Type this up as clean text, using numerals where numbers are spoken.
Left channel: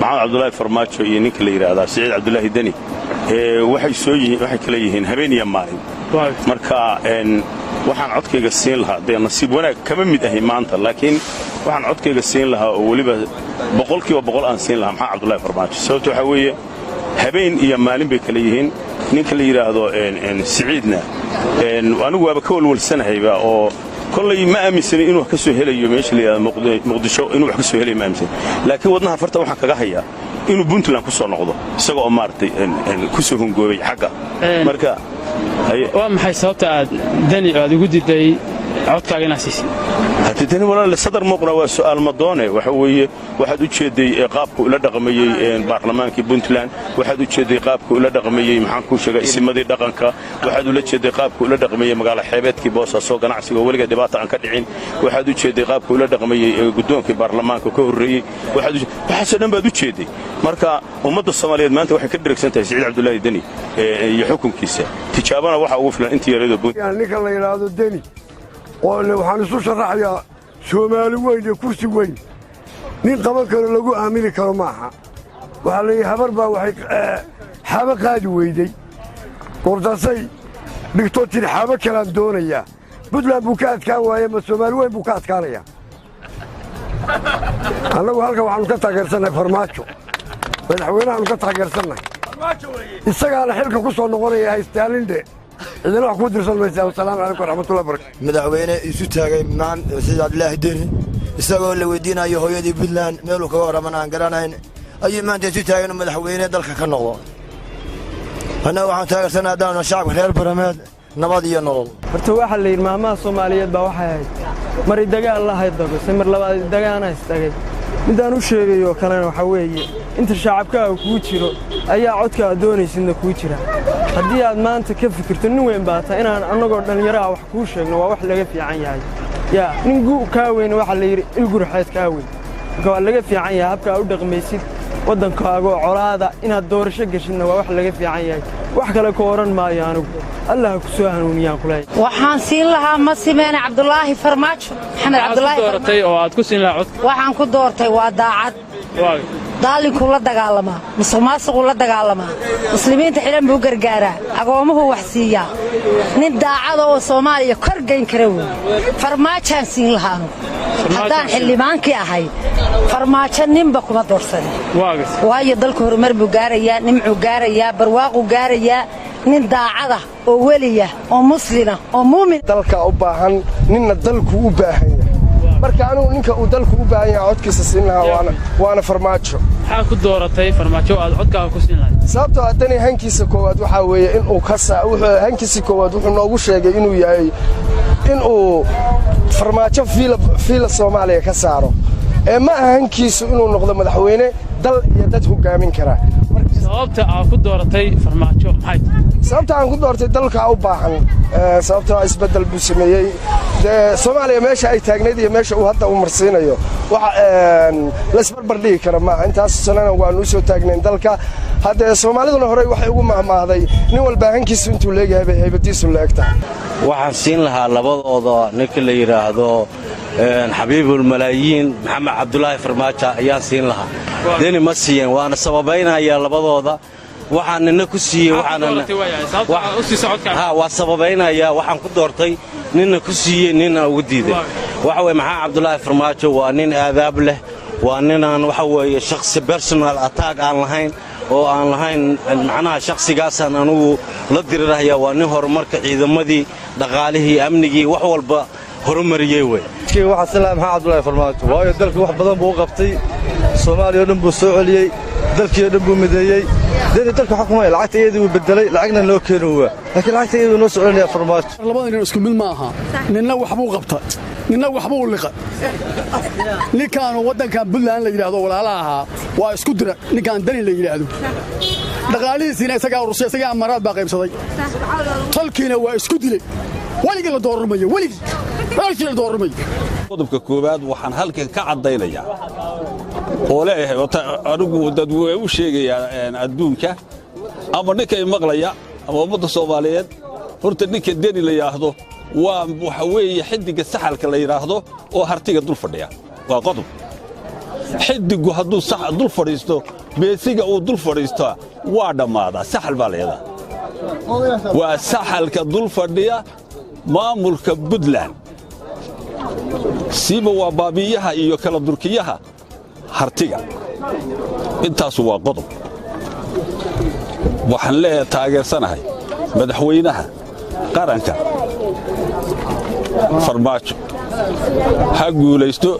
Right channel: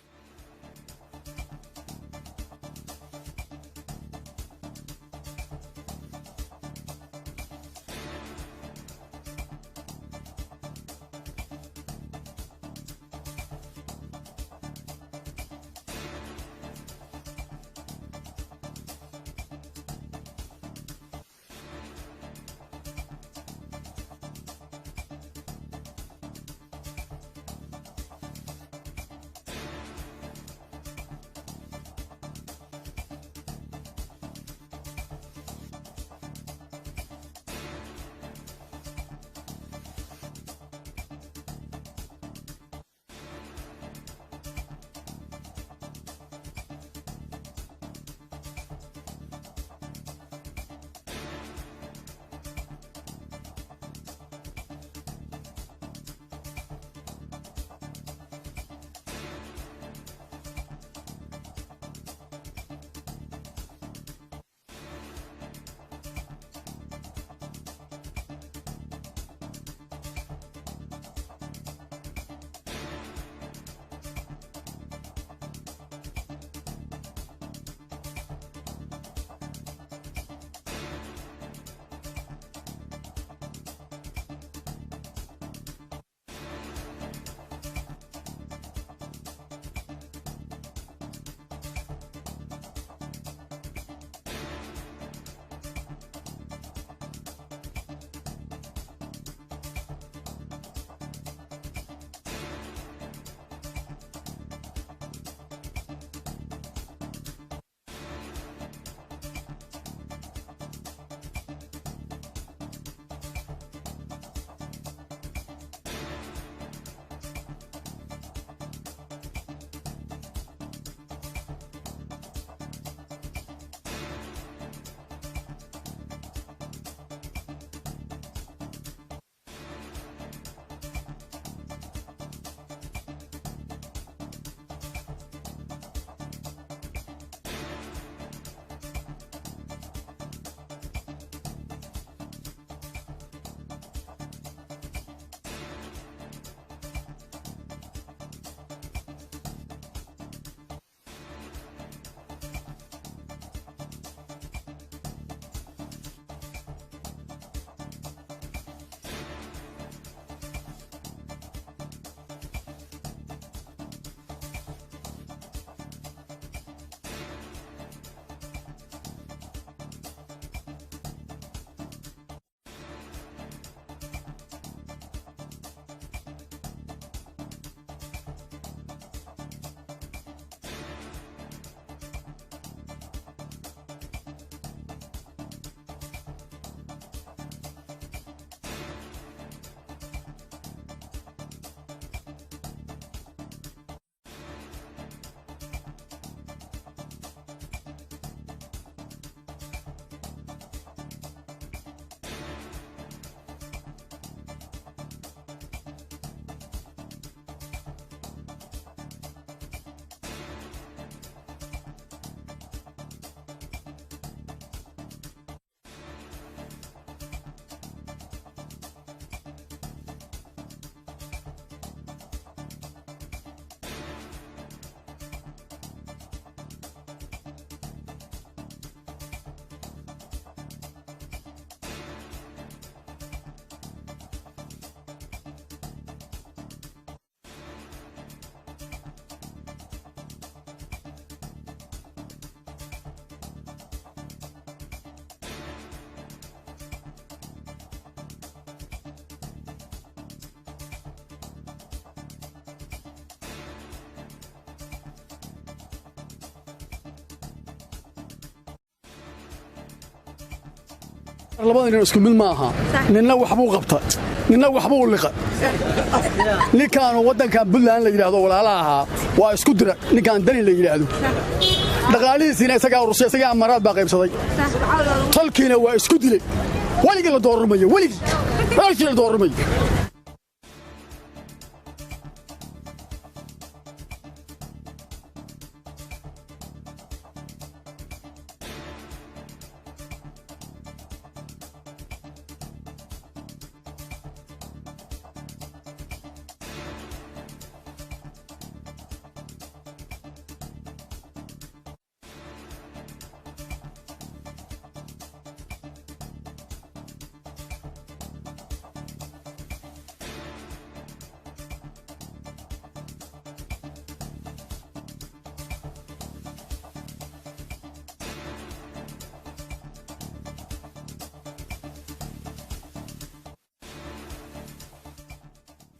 maxamed cabdulaahi farmaajo iyo ninka la yidhaahdaa siciid cabdulaahi deni waxay kala yihiin habeen iyo maalin marka waxaan codkayga siin lahaa dee nasiib wanaag kama mid ahi maanta laakiin waxaan codkayga siin lahaa oo weliba boqolkiiba boqol aan siin lahaa maxamed cabdulaahi farmaajo sababto waxaa weeye habeen iyo maalin bay kala yihiin ninka la yidhaahdo siciidna anigu waaba ka walwalsanahayba oo kollay ma aaminsanin inuu wax ka soo helayo meesha la yidhahdo muqdisho inuu wax ka soo helayo ma aaminsanin laakiin wadnaha farta waxaan kaga hayaa inuu puntland ku soo noqdo isaga oo maaragtay ku soo hungoobay xagga marka waa maxay sababta aad dani aad ugu diiday codkaaga inaad siisid haddii walaal sadar muuqna waa su'aal madoone waxa weeye waxaad u jeeday qaabku ila dhaqmayay baarlamaankii Puntland waxaad u jeeday qaabku ila dhaqmayay maxaan ku sheegay isimadii dhaqanka waxaad ula jeeday qaabku ila dhaqmayay magaalo xeebeedkii Boosaaso ganacsiga waliga dhibaato aan ka dhicin waxaad u jeeday qaabku ila dhaqmayay gudoonkii baarlamaanka ka horreeyay waxaasoo dhan baad u jeeday marka ummadda Soomaaliyeed maanta waxay ka dirigsantahay Siciid Cabdulaahi Deni iyo xukunkiisa tijaabana waxa ugu filan intii yareedo Puntland ninka la yiraahdo Deni waxaan isu sharaxayaa Soomaali weyn iyo kursi weyn nin qaban karo lagu aamini karo maaha waxa la yiraahdaa habar baa waxay xaba qaadi weyday qordasay dhigto tir xaba kala doonaya Puntland buu ka adkaan waayay ma Soomaali weyn buu ka adkaanaya anagu halka waxaanu ka taageersanay farmaajo madaxweynaha ka taageersanay isagaana xilka ku soo noqonaya haystaalinde إذا نحن كودر سلمى والسلام عليكم ورحمة الله وبركاته. مدعوينه يسوتها معن سيد عبد الله الديني يسوي اللي ودينا يهوي دي بلان ميلو كوارا من عنقرانين أي ما أنت يسوتها إنه مدعوينه دلك كنوا. أنا وعن تاجر سنة دان الشعب خير برماد نبضي النور. فرتواح اللي المهما الصومالية بواحد مريض دجا الله يضرب سمر لبعض دجا أنا استجد. midaan u sheegayo kalena waxa weeye inta shacabka ku jiro ayaa codka doonaysidna ku jira hadii aad maanta ka fikirto nin weyn baata inaan anagoo dhalinyaro wax ku sheegno waa wax laga fiican yahay yaa nin ka weyn waxa la yiri ilgurxeed ka weyn waa laga fiican yahay habka u dhaqmaysid wadankaaga colaada inaad doorasho gashidna waa wax laga fiican yahay wax kale ka oran maayo anigu Allah ku soo hanuuniyaan kulay waxaan siin lahaa ma simeena Cabdulaahi Farmaajo Maxamed Cabdulaahi doortay oo aad ku siin lahaa cod waxaan ku doortay waa daacad daalinku la dagaalama musuqmaasuqu la dagaalama muslimiinta xiran buu gargaaraa agoomuhu wax siiya nin daacad oo Soomaaliya kor geyn kara farmaajaan siin lahaa haddaan xildhibaankii ahay farmaajo ninba kuma doorsaday waayo dalku horumar buu gaarayaa nimcu gaarayaa barwaaqu gaarayaa nin daacada oo waliya oo muslina oo muumin dalka u baahan ninna dalku u baahan marka anu ninka uu dalku u baahan yahay codkiisa siin lahaa waana farmaajo waxa ku dooratay farmaajo aad codkaaga ku siin lahayd sababtoo hadani hankiisa koowaad waxa weeye in uu hankiisa koowaad wuxuu noogu sheegay inuu yahay in uu farmaajo fiila Soomaaliya ka saaro ma aha hankiisu inuu noqdo madaxweyne dal iyo dad hogaamin kara sababta aad ku dooratay farmaajo maxay sababta aan ku doortay dalka u baahan sababtoo isbedel buu sameeyay Soomaaliya meesha ay taagneed iyo meesha uu hadda u marsiinayo waxa la isbarbar dhigi kara ma intaas sanana waanu soo taagneen dalka hadda Soomaaliduna hore waxay ugu mahmaaday nin walba hankiisu intuu leeyahay haybadiisu leegtaa waxaan siin lahaa labadooda ninka la yiraahdo xabiibul malaayiin maxamed cabdulaahi farmaajo ayaan siin lahaa deni ma siiyeen waana sababeynaya labadooda waxaan nina ku siiyey waa sababeynaya waxaan ku doortay nina ku siiyey nina ugu diiday waxa weeye maxamed cabdulaahi farmaajo waa nin aadaab leh waa ninaan waxa weeye shakhsi personal attack aan lahayn oo aan lahayn macnaha shakhsigaasaan anugu la dirirahaya waa nin horumarka ciidamadii dhaqaalihii amnigii wax walba horumariyay way waxa salaam maxamed cabdulaahi farmaajo waayo dalka wax badan buu qabtay Soomaaliya dhan buu soo celiyay dalkii dhan buu mideeyay dalka xukuumay lacagta iyadii uu bedelay lacagna loo keenay laakiin lacagta iyadii noo soo celinaya farmaajo labada nin isku mid ma aha ninna wax buu qabtay ninna wax buu liqay ninkaan wadankan Puntland la yiraahdo walaalaha waa isku dira ninkaan Dani la yiraahdo dhaqaalihiisina isaga urusay isaga amaraad baa qaybsaday talkiina waa isku dilay waliga la doormayo waliga qodobka koowaad waxaan halkan ka cadaynayaa oo leeyahay anigu dad way u sheegayaan adduunka ama ninka maqlaya ama ummadda Soomaaliyeed horta ninka Deni la yiraahdo waa waxa weeye xidiga saxalka la yiraahdo oo hartiga dul fadhiya waa qodob xidigu hadduu dul fadhiisto beesiga uu dul fadhiistaa waa dhammaadaa saxal baa leedaa waa saxalka dul fadhiya maamulka Puntland siiba waa baabiyaha iyo kala durkiyaha hartiga intaas waa qodob waxaan leeyahay taageersanahay madaxweynaha qaranka farmaajo ha guulaysto